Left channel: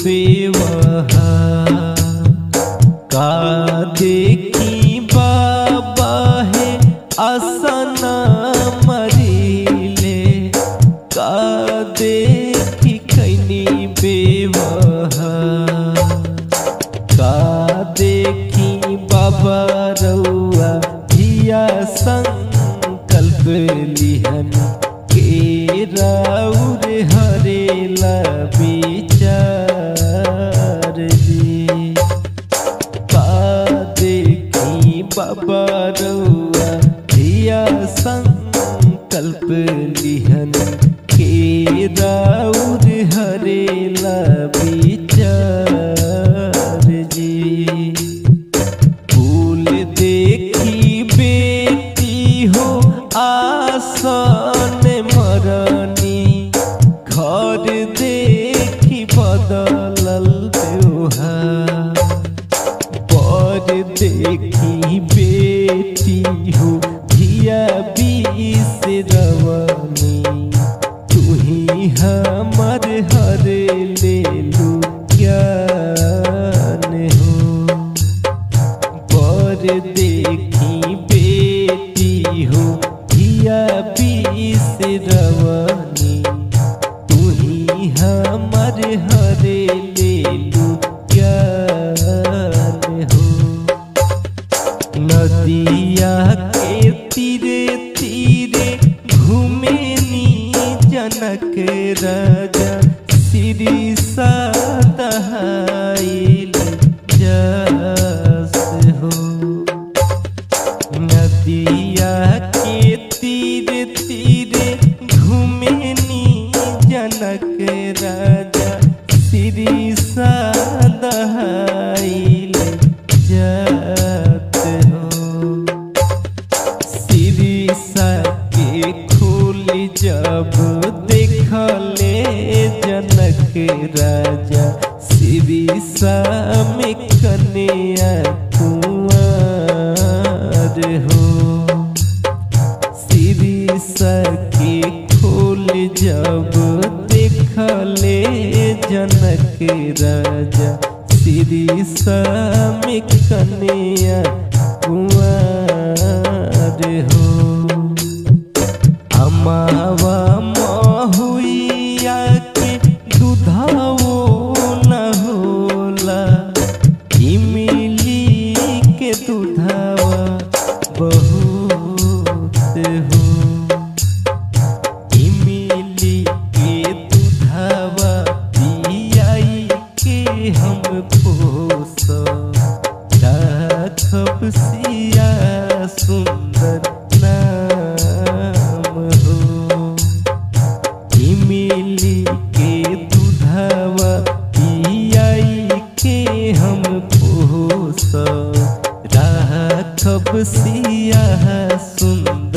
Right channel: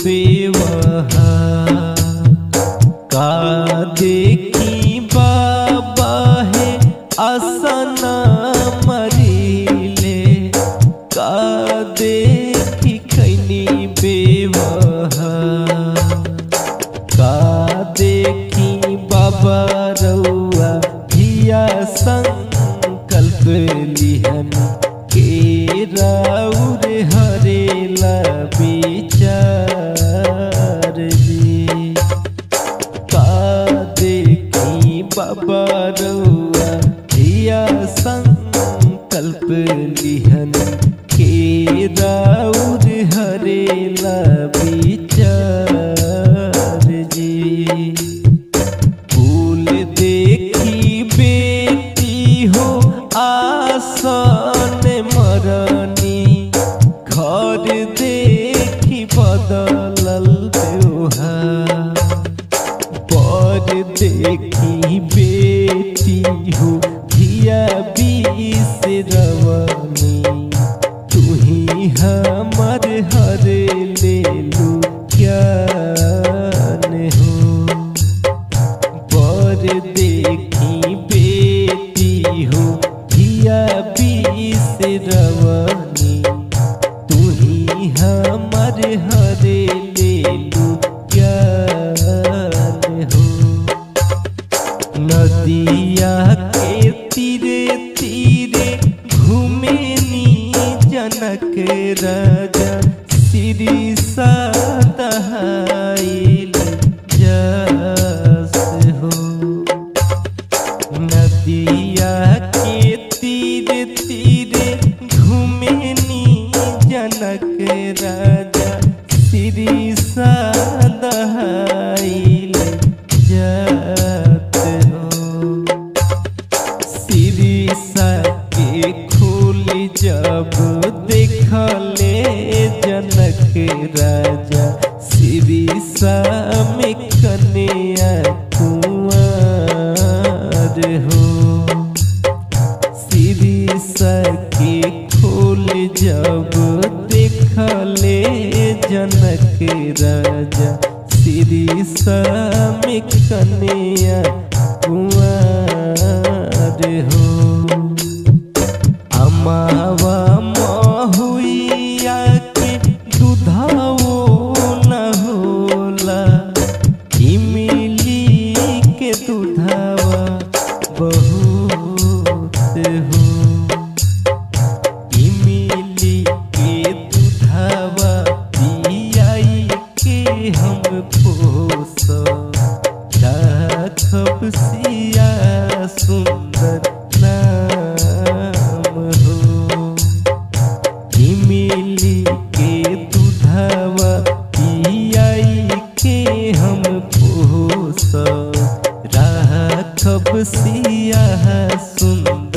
बेवहा का देखी बाबा है आसना मरीले का देखी कैनी बेवहा का देखी बाबा रउआ धिया संकल्प लिहन के राउर हरेला विचार जी का देखी बाबा रउआ धिया संकल्प लिहन के राउर हरेला विचार जी फूल देखी बेटी हो आसन मरनी घर देखी बदलल त्योहार बर देखी बेटी हो धिया बिसरवनी तुही हमर हर ले लू ज्ञान हो बर देखी बेटी हो धिया बिसरवनी तुही हमर हर ले लू ज्ञान हो नदिया के तीरे तीरे घूमेनी जनक राजा श्री सदाइल जस हो नदिया के तीरे तीरे घूमेनी जनक राजा श्री सदाइल जत हो श्री के खोल जब देखले जनक राजा श्री में कन्या कुंवर हो श्री के खोल जब देखले जनक राजा श्री में कन्या कुंवर हो अमावा महुइया के दुधाओ न होला इमली के दुधावा बहुत हो इमली के दुधावा पियाई के हम पोस राखब सिया सुंदर नाम हो इमली के दुधावा पियाई के हम पोस राखब सिया सुंदर